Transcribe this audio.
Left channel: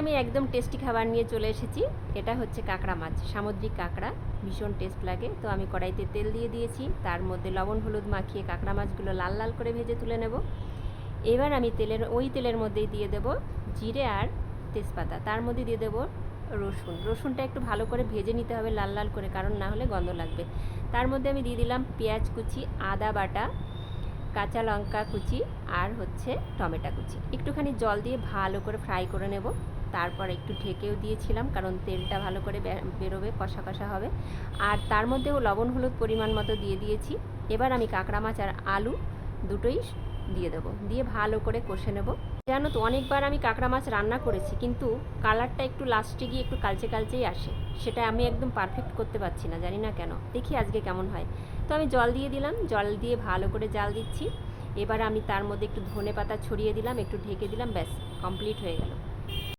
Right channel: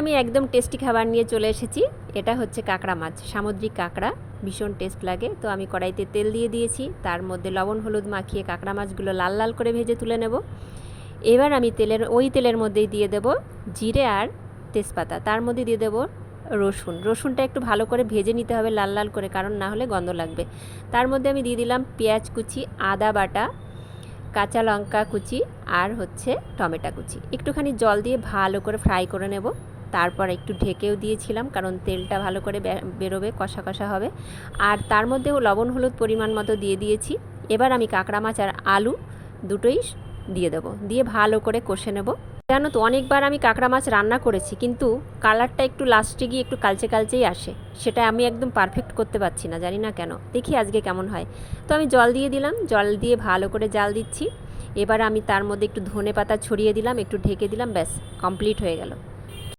আমি একদম টেস্টি খাবার নিয়ে চলে এসেছি। এটা হচ্ছে কাঁকড়া মাছ, সামুদ্রিক কাঁকড়া, ভীষণ টেস্ট লাগে। তো আমি কড়াইতে তেল দিয়ে দিয়েছি, তার মধ্যে লবণ হলুদ মাখিয়ে কাঁকড়া মাছগুলো লাল লাল করে ভেজে তুলে নেব। এবার আমি তেলের মধ্যেই দিয়ে দেব জিরে আর তেজপাতা, তার মধ্যে দিয়ে দেব রসুনটা একটু ভালো করে ভেজে নিতে হবে লাল লাল করে, কারণ না হলে গন্ধ লাগবে। তার মধ্যে আমি দিয়ে দিলাম পেঁয়াজ কুচি, আদা বাটা, কাঁচা লঙ্কা কুচি আর হচ্ছে টমেটো কুচি। একটুখানি জল দিয়ে ভালো করে ফ্রাই করে নেব। তারপর একটু ঢেকেও দিয়েছিলাম, কারণ তেলটা ভালো করে বেরোবে, কষা কষা হবে। আর তার মধ্যেও লবণ হলুদ পরিমাণ মতো দিয়ে দিয়েছি। এবার আমি কাঁকড়া মাছ আর আলু দুটোই দিয়ে দেবো, দিয়ে ভালো করে কষে নেব। জানো তো, অনেকবার আমি কাঁকড়া মাছ রান্না করেছি, কিন্তু কালারটা একটু লাস্টে গিয়ে একটু কালচে কালচেই আসে। সেটা আমি একদম পারফেক্ট করতে পারছি না, জানি না কেন। দেখি আজকে কেমন হয়। তো আমি জল দিয়ে দিলাম, জল দিয়ে ভালো করে জাল দিচ্ছি। এবার আমি তার মধ্যে একটু ধনে পাতা ছড়িয়ে দিলাম, একটু ঢেকে দিলাম, ব্যাস কমপ্লিট হয়ে গেল।